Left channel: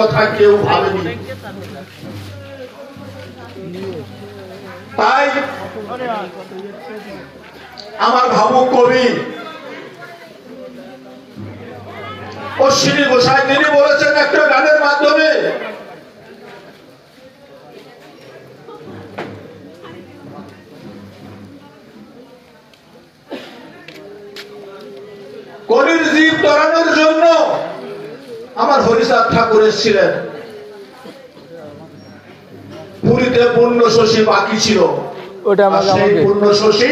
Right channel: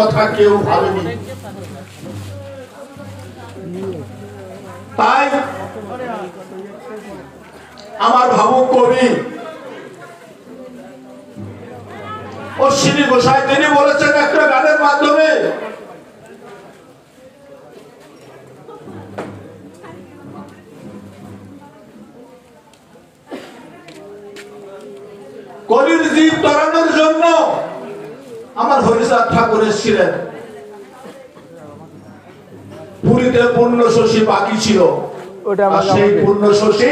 কথা কেউ ভাবেনি। তাই আমার ভাবুক কবি অশ্বিনী গোসাই তিনি বলেছেন একটা গানের মাধ্যমে, কলির জীব তরানোর জন্য আমার হরিচাঁদ ঠাকুর এসেছিলেন। পুরীতে পূর্ণ শশী বাকি ছিল, সেই পূর্ণ শশী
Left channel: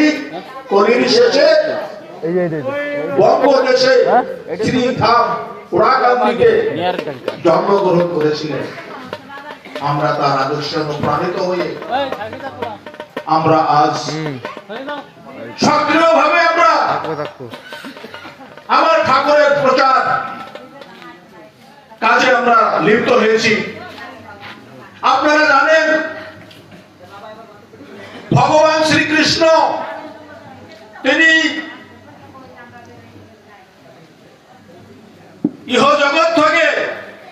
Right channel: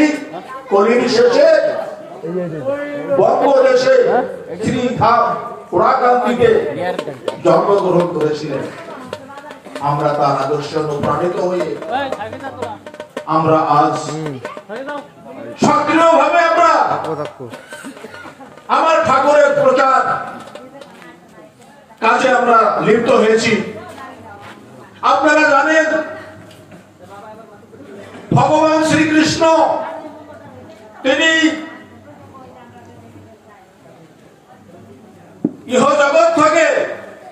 কলির শেষে বঙ্গদেশে শ্রীধাম পুরাকান্তিতে জন্মগ্রহণ করেছিলেন। আমরা তার আদর্শে অনুপ্রাণিত হয়ে আমরা আজ সক্রিয়ভাবে আমরা আমার ঠাকুরের প্রচার কাজে আমরা লিপ্ত হয়েছি। আপনারা জানেন ভগবান শ্রীকৃষ্ণ তিনি ইহ জগৎ থেকে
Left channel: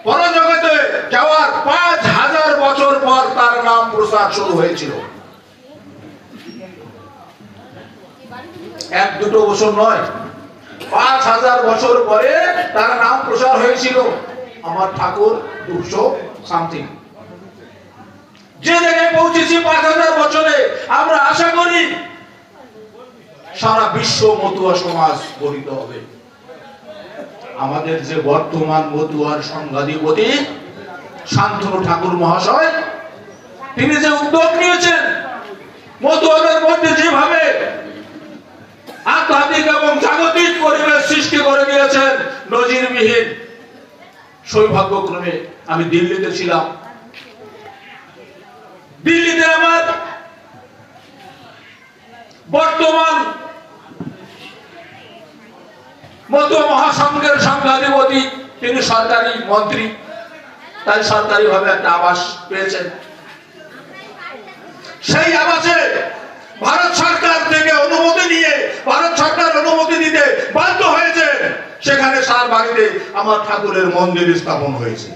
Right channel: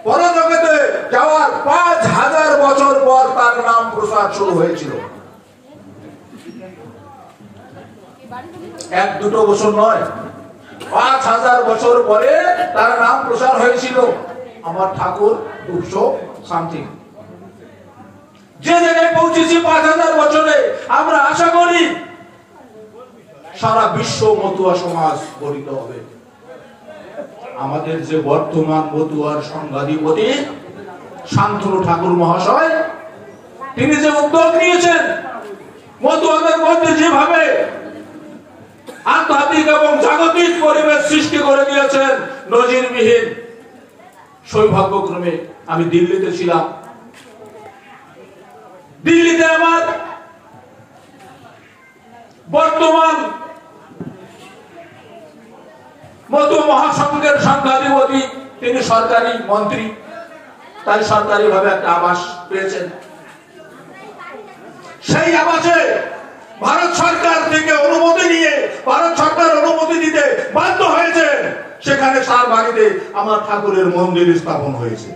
পরজগতে যাওয়ার 5000 বছর পর তার নাম প্রচার শুরু হয়েছিল। 1-2 বছর নয়, 5000 বছর পরে তার নাম প্রচার হয়েছিল। আমার ঠাকুর 200 সামথিং যে জায়গায় পৌঁছেছি 5000 বছরে, আমরা আশা করি সারা বিশ্ব মতুয়া সমাজ গঠিত হবে। আমাদের যে বর্তমান মতুয়ার সংঘাধিপতি শান্তনু ঠাকুর মহাশয় তিনি যে উদ্যোগ নিয়েছেন, মতুয়াদের মধ্যে যেভাবে আধ্যাত্মিক এবং জাগতিক পরিবেশ সৃষ্টি করে দিয়েছেন নজিরবিহীন। সৌভাগ্যক্রমে আমি দিল্লিতে ছিলাম। দিল্লিতে আমার বর্তমান মতুয়া মহাসংঘের সংঘাধিপতি তিনি সরকারি মন্ত্রী, তাই সরকারি ভাবে একটা আবাস পেয়েছেন। সেই আবাসে ভারত সরকার থেকে অনুমতি নিয়ে ভারত সরকার অনুমতি দিতে বাধ্য হয়েছে। সেখানে সার বাড়িতে আমার ঠাকুরের মন্দির স্থাপন হয়েছে।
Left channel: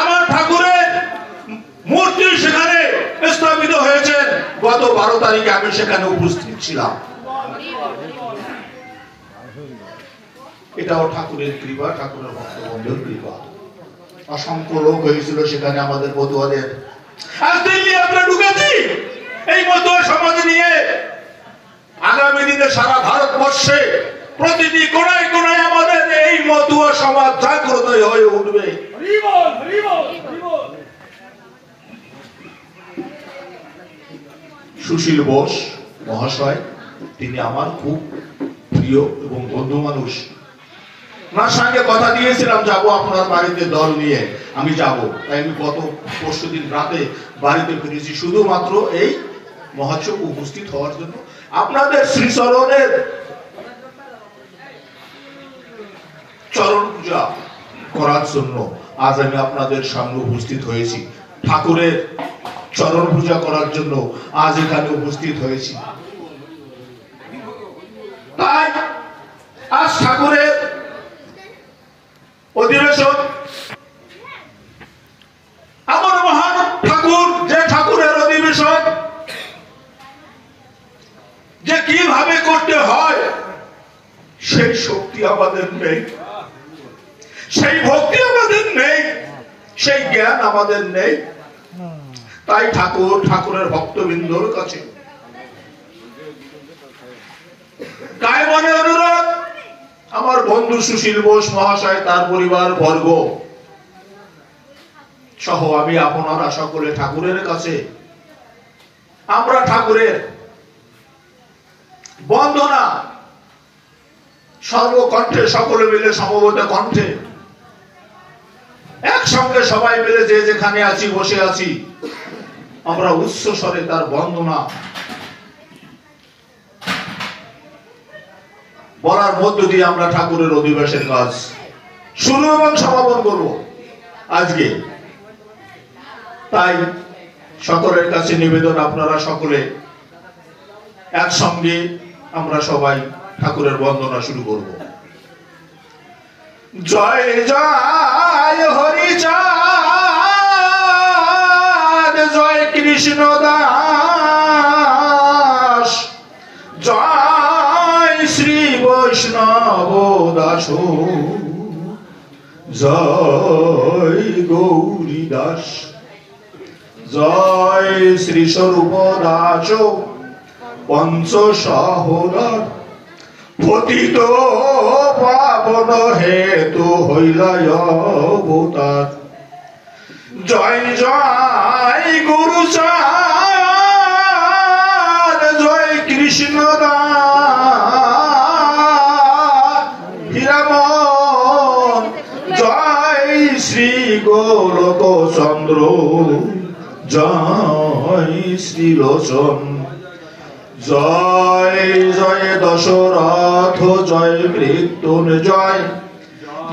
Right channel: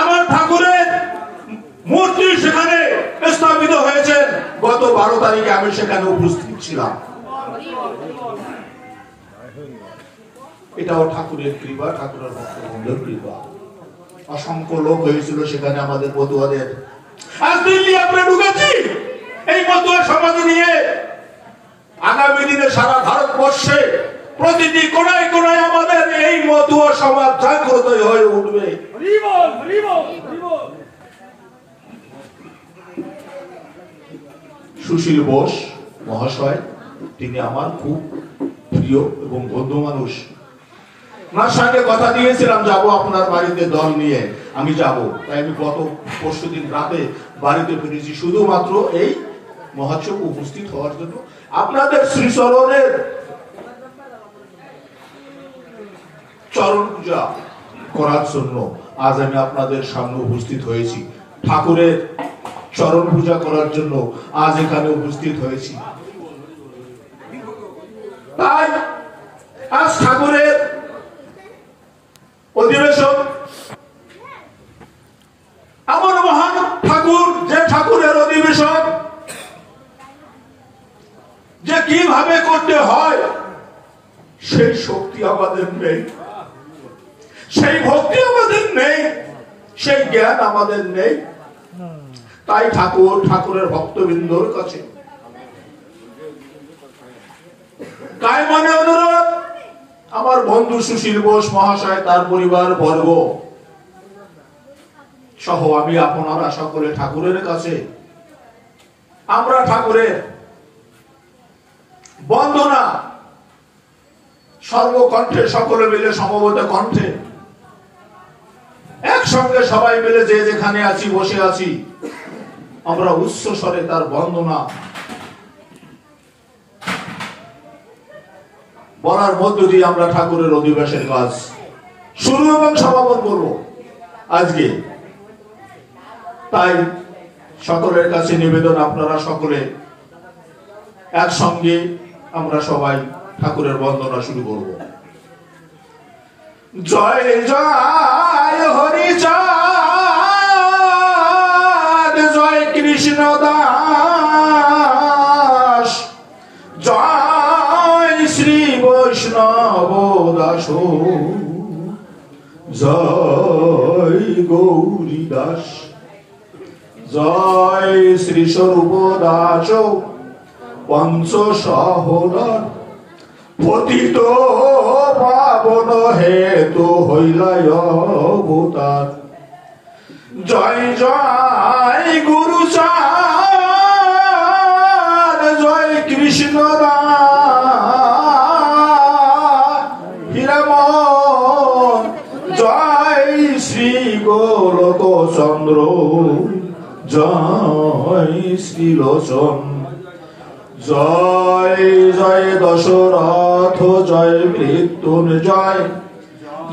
আমার ঠাকুরের মূর্তি সেখানে স্থাপিত হয়েছে। গত 12 তারিখে আমি সেখানে উপস্থিত ছিলাম। এটাও ঠাকুরের কৃপা, ঠাকুরের ভক্তবৃন্দের কৃপা। অসংখ্য লোক হয়েছিল সেখানে আমাদের মতুয়াদের। আজ দিল্লি আমরা ঢুকেছি এই মতুয়া সমাজ নিয়ে। আগামী দিনে সারা ভারতবর্ষে প্রতিটি কোণায় কোণায় আমাদের এই মতুয়া সমাজ জাগ্রত হয়ে উঠবে। সুশীল বোস মহাশয় তিনি আমার খুব প্রিয় এবং বন্ধু মানুষ। ওনার সঙ্গে কথা দিয়েছিলাম যাব আপনার বাড়িতে দল নিয়ে, আমি যাব। তাই আমি গত পরশুদিন রাতে বাড়িতে ফিরেছি শুধুমাত্র এই মহোৎসব উপস্থিত হওয়ার জন্য, আপনাদের শ্রীচরণের চরণ পূজা করার জন্য আজ আমি আপনাদের সামনে উপস্থিত হয়েছি। ঠাকুরের চরণ পূজা করার জন্য আজ এখানে উপস্থিত হয়েছি। তাই আজ ঠাকুরের অধিবেশন, এমন মহান ঠাকুর যে ঠাকুরের অধিবেশন যে কিভাবে করতে হয় সেই শক্তি আমাদের নেই, সেই ভক্তি আমাদের নেই, সেই জ্ঞান আমাদের নেই। তাই ঠাকুরের ভক্তবৃন্দর কাছে কায়মনে অনুরোধ, আমার বন্ধু সুশীল বোস মহাশয় তার পরিবার বর্গ সহ আমি আপনারা সকলে ঠাকুরের কাছে আমরা ঠাকুরের বন্দনা সর্বকণ্ঠে সকলে মিলে সমবেত কণ্ঠে একসঙ্গে সবাই মিলে যে যেখানে আছি বসে আছি আমরা উচ্চ স্বরে তার বন্দনা বলার মধ্য দিয়ে আমরা ঠাকুরের অধিবেশনের কাজ শুরু এবং সমাপন করব আজকে। তাই সকলের কাছে নিবেদন, আপনারা সকলে একসঙ্গে আমরা সবাই ঠাকুরের বন্দনা শুরু করব। জয় জয় কৃষ্ণ দাস জয় শ্রী বৈষ্ণব দাস জয় গৌরী দাস জয় শ্রী স্বরূপ দাস পঞ্চ সহোদর পতিত পাবন হেতু হইলায় অবতার জয় জয় গুরু চাঁদ জয় কৃষ্ণ দাস হীরামন জয় শ্রী গোলক চন্দ্র জয় শ্রীলোচন জয় জয় দশরথ জয় মৃত্যুঞ্জয়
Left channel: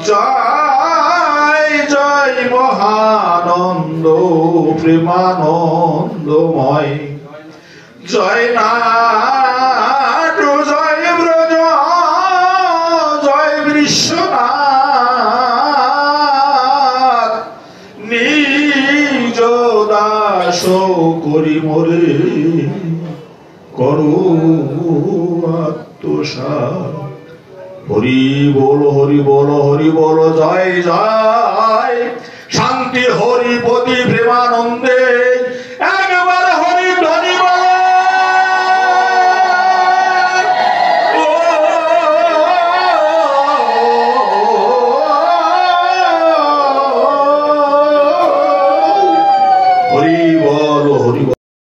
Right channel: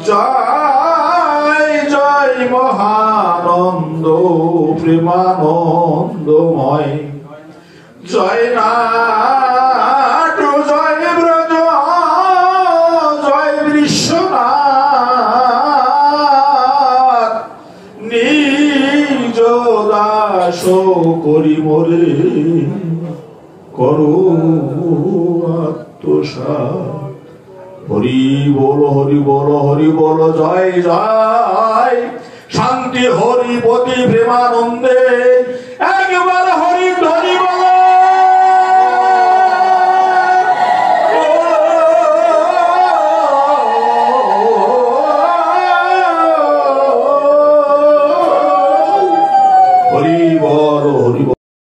জয় জয় মহানন্দ প্রেমানন্দময় জয় নাট জয় ব্রজ জয় বিশ্বনাথ নিজ দাস করি মোরে করো আত্মসাৎ হরি বল হরি বল হরি বল জয় জয় শান্তি হরিপতি প্রেমানন্দে